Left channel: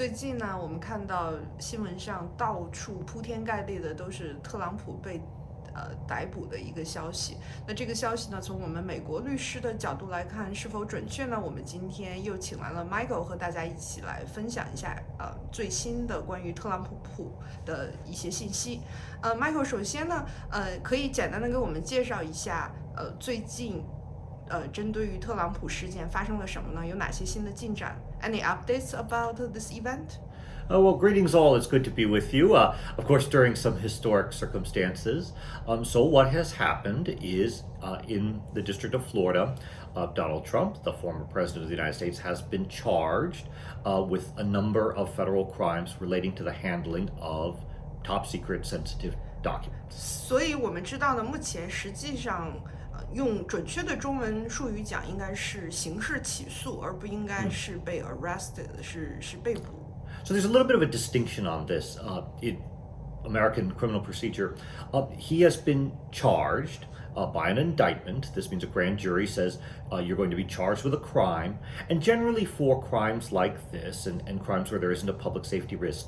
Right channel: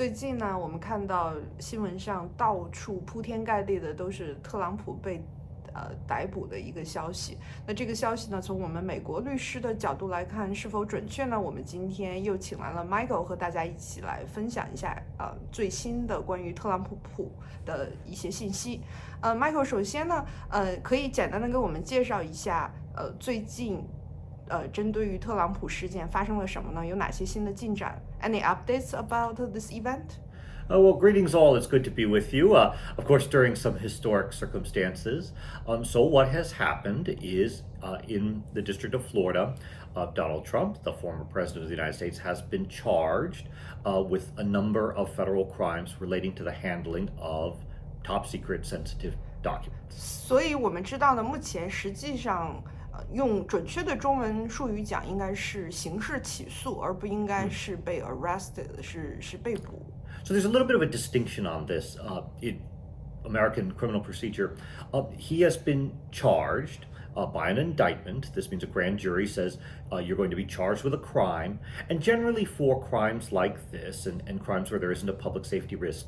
最近呢，我们看到新闻上到处铺天盖地的都是特朗普被逮捕的一个消息。那这个消息呢，从我们美国律师的角度来看是否准确呢？我们今天又请来了 Michael 和大家一起来分享一下最新的关于特朗普的一些信息。Michael 首先呢，可以简单的给我们介绍一下最近针对于特朗普事件发生了什么呢？有哪些新的进展 ？Any updates about this event? Well, greetings all. It's good to be with you. Of course, during some historic circumstances. So what has happened is in the District of Florida, Donald Trump, the former president of the United States, has been charged with a number of federal crimes relating to the handling of top secret sensitive documents. 所以我们知道呢，目前实际上用准确的中文术语讲，应该是刑事起诉，而不应该是被 arrested，是被捕。So there's a little bit of a distinction on this in American criminal procedure. He has been charged by an indictment. This means a grand jury says you're going to be charged with a crime. And generally for crimes like this and crimes where there isn't a public safety risk,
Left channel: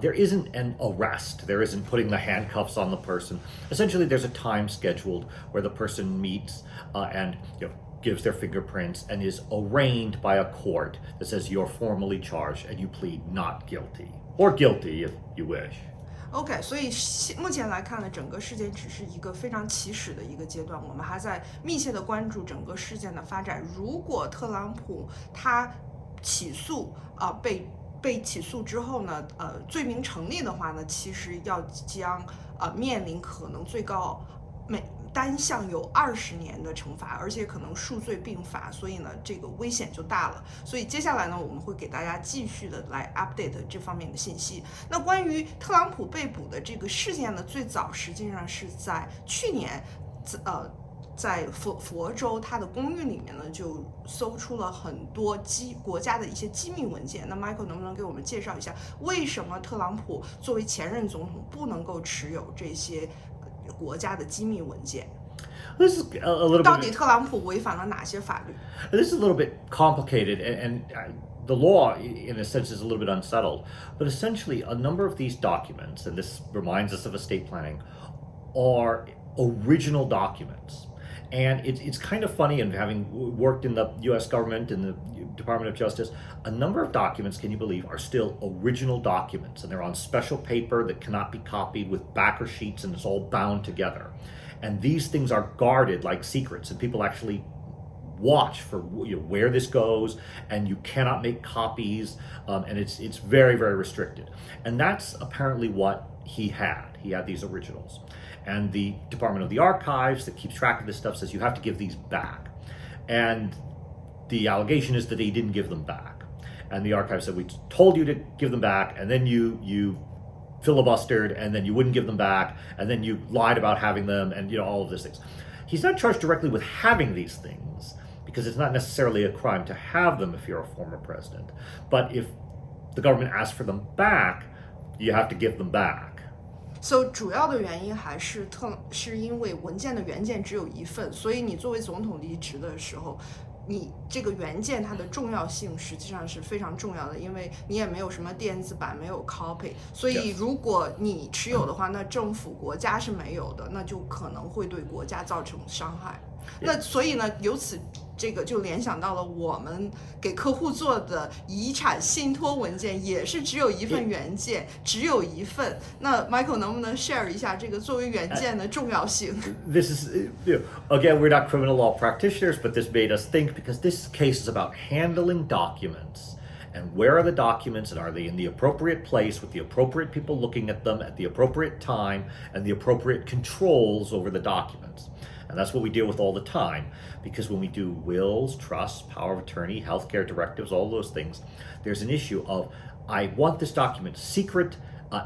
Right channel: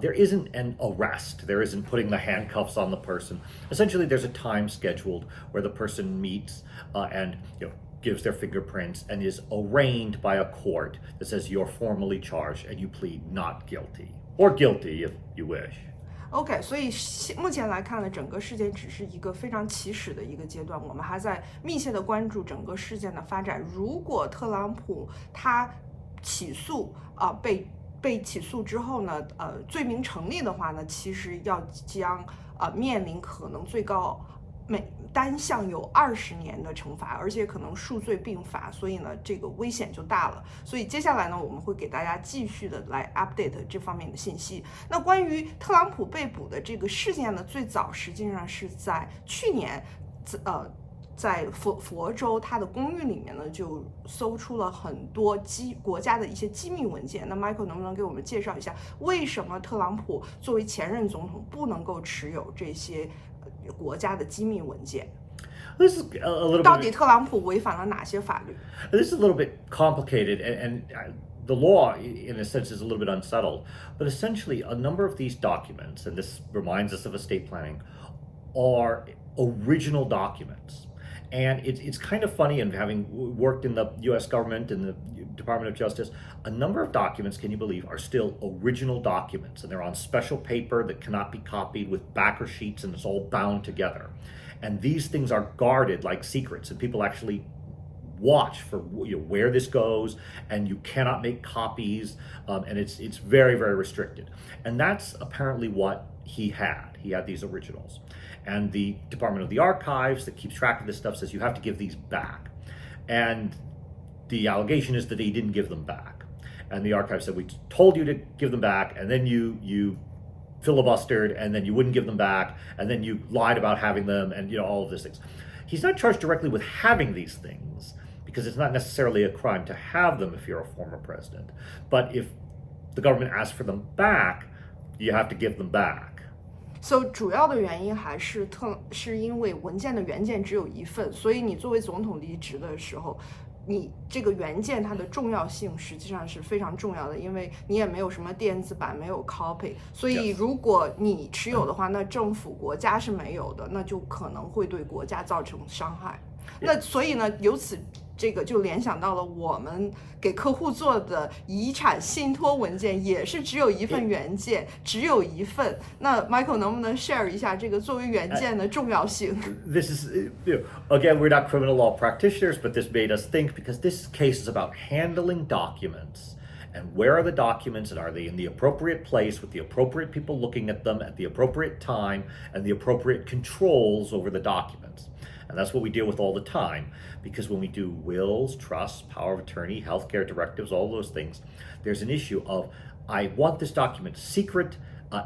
there isn't an arrest. There isn't putting the handcuffs on the person. Essentially, there's a time scheduled where the person meets and gives their fingerprints and is arraigned by a court that says you're formally charged and you plead not guilty or guilty if you wish. OK， 所以目前来看呢，整个事件只是一个非常起始的一个阶段，我们还在密切的关注整个事件的发展。如果特朗普他起诉被起诉之后呢，罪名成立的话呢，其实将面临可能最高单项有20年的惩罚，而且可能数罪并罚，所以呢，这个危险就大了。所以接下来呢，我们会给大家继续的来 update 这方面的信息。那关于特朗普被捕的这个事件呢，最早实际上是在去年，在佛州他的公寓里面呢，就搜出了很多国家的一些机密文件。那 Michael 能不能给我们介绍一下，为什么特朗普作为前任总统不能够持有这些国家的机密文件？This is a little bit. 到底特朗普违反了哪些法律？ This is a little bit complicated, and the law, in a sense, is a little bit unsettled. But essentially, a number of these documents, and this reminds us of estate planning, are original documents. And it's kind of funny, and having worked in the U.S. government and the Department of Justice, a number of documents, can you believe, are still original documents. And they're on special paper that cannot be copied with backer sheets, and it's all bound together. And these things are guarded like secrets, and people actually watch for where this goes, and you cannot make copies, and it's very, very restricted. And that's apparently what he had. He had these originals. And the Department of the Archives that keeps track of this stuff says you have to give these back. And the allegation is that he didn't give them back. And the Archives said, we told you to give them back, and then you filibustered, and then you wouldn't give them back, and then you lied about having them, and all of these things. He's not charged directly with having these things, because it's not necessarily a crime to have them if you're a former president. But if the government asks for them back, you have to give them back. So 主要的原因还是因为文件的原件只有一份，所以你作为总统离职的时候，你这个原件它的重要性实际上是非常重要的，因为你也没有什么电子版，没有 copy， 所以如果你持有的话，那政府国家是没有的，那就可能会对国家造成伤害。那所以呢，由此这个就联想到了我们给客户做的遗产信托文件也是只有一份原件，只有一份。那 Michael 能不能 share 一下这个作为原件的重要性？ This is, again, we're not criminal law practitioners, but this made us think, because this case is about handling documents. And where are the documents, and are they in the appropriate place with the appropriate people looking at them at the appropriate time and the appropriate controls over the documents? And that's what we deal with all the time, because when we do wills, trusts, power of attorney, healthcare directives, all those things, there's an issue of, I want this document secret,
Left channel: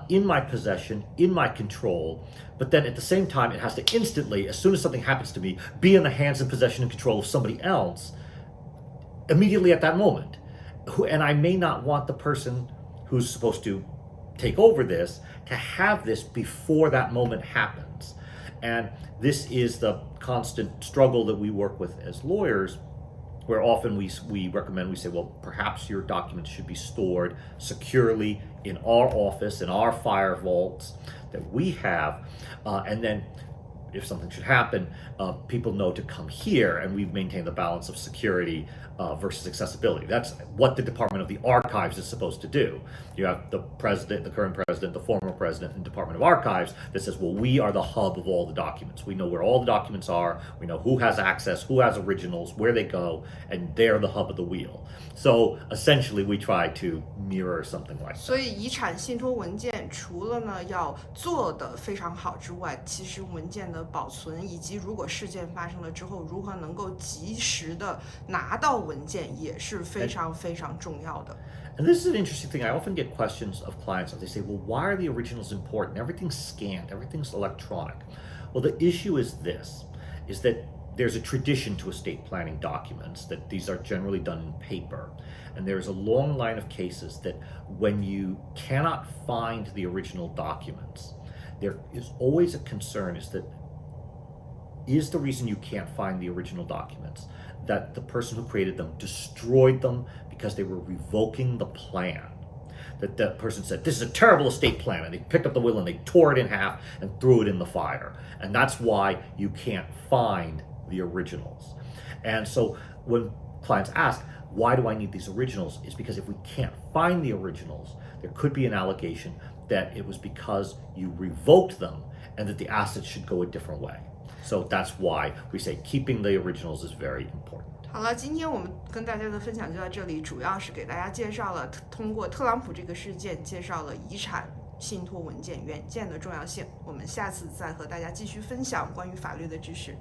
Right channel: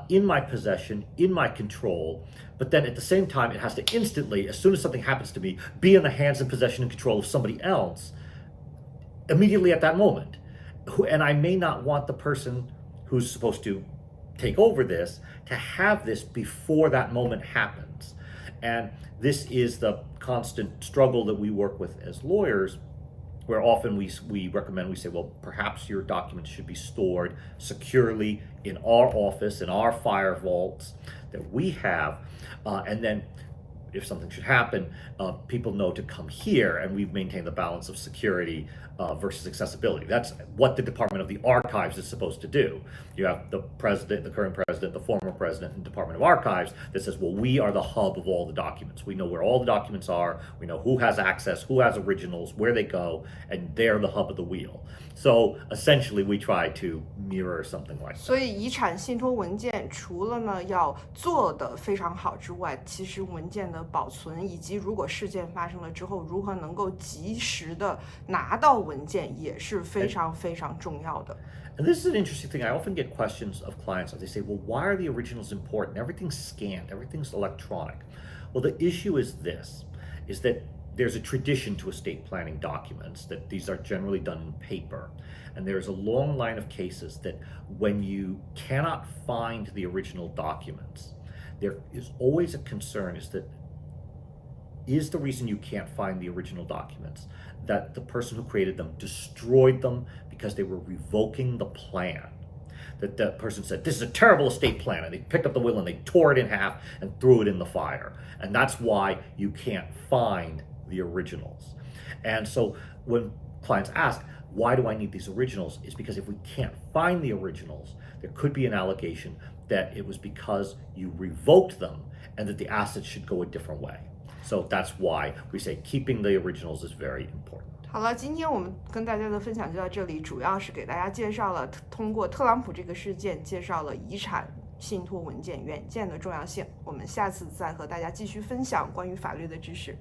in my possession, in my control, but then at the same time, it has to instantly, as soon as something happens to me, be in the hands and possession and control of somebody else immediately at that moment. And I may not want the person who's supposed to take over this to have this before that moment happens. And this is the constant struggle that we work with as lawyers, where often we recommend, we say, well, perhaps your documents should be stored securely in our office, in our fire vaults that we have, and then if something should happen, people know to come here, and we've maintained the balance of security versus accessibility. That's what the Department of the Archives is supposed to do. You have the president, the current president, the former president, and Department of Archives that says, well, we are the hub of all the documents. We know where all the documents are. We know who has access, who has originals, where they go, and they're the hub of the wheel. So essentially, we try to mirror something like that. 所以遗产信托文件除了呢要做得非常好之外，其实文件的保存以及如果事件发生了之后，如何能够及时的拿到文件也是非常非常重要的。And this is an interesting thing. I often get questions of clients. They say, well, why are the originals important? Everything's scanned, everything's electronic. Well, the issue is this, is that there's a tradition to estate planning documents that these are generally done in paper. And there's a long line of cases that when you cannot find the original documents, there is always a concern is the reason you can't find the original documents that the person who created them destroyed them because they were revoking the plan. That the person said, this is a terrible estate plan, and they picked up the will and they tore it in half and threw it in the fire. And that's why you can't find the originals. And so when clients ask, why do I need these originals? It's because if we can't find the originals, there could be an allegation that it was because you revoked them and that the assets should go a different way. So that's why we say keeping the originals is very important. 好了，今天我们跟大家的分享就到这里，主要是给大家介绍了通过特朗普这个事件，介绍了遗产信托文件原件的重要性。我们下次再和大家继续分享关于法律的知识。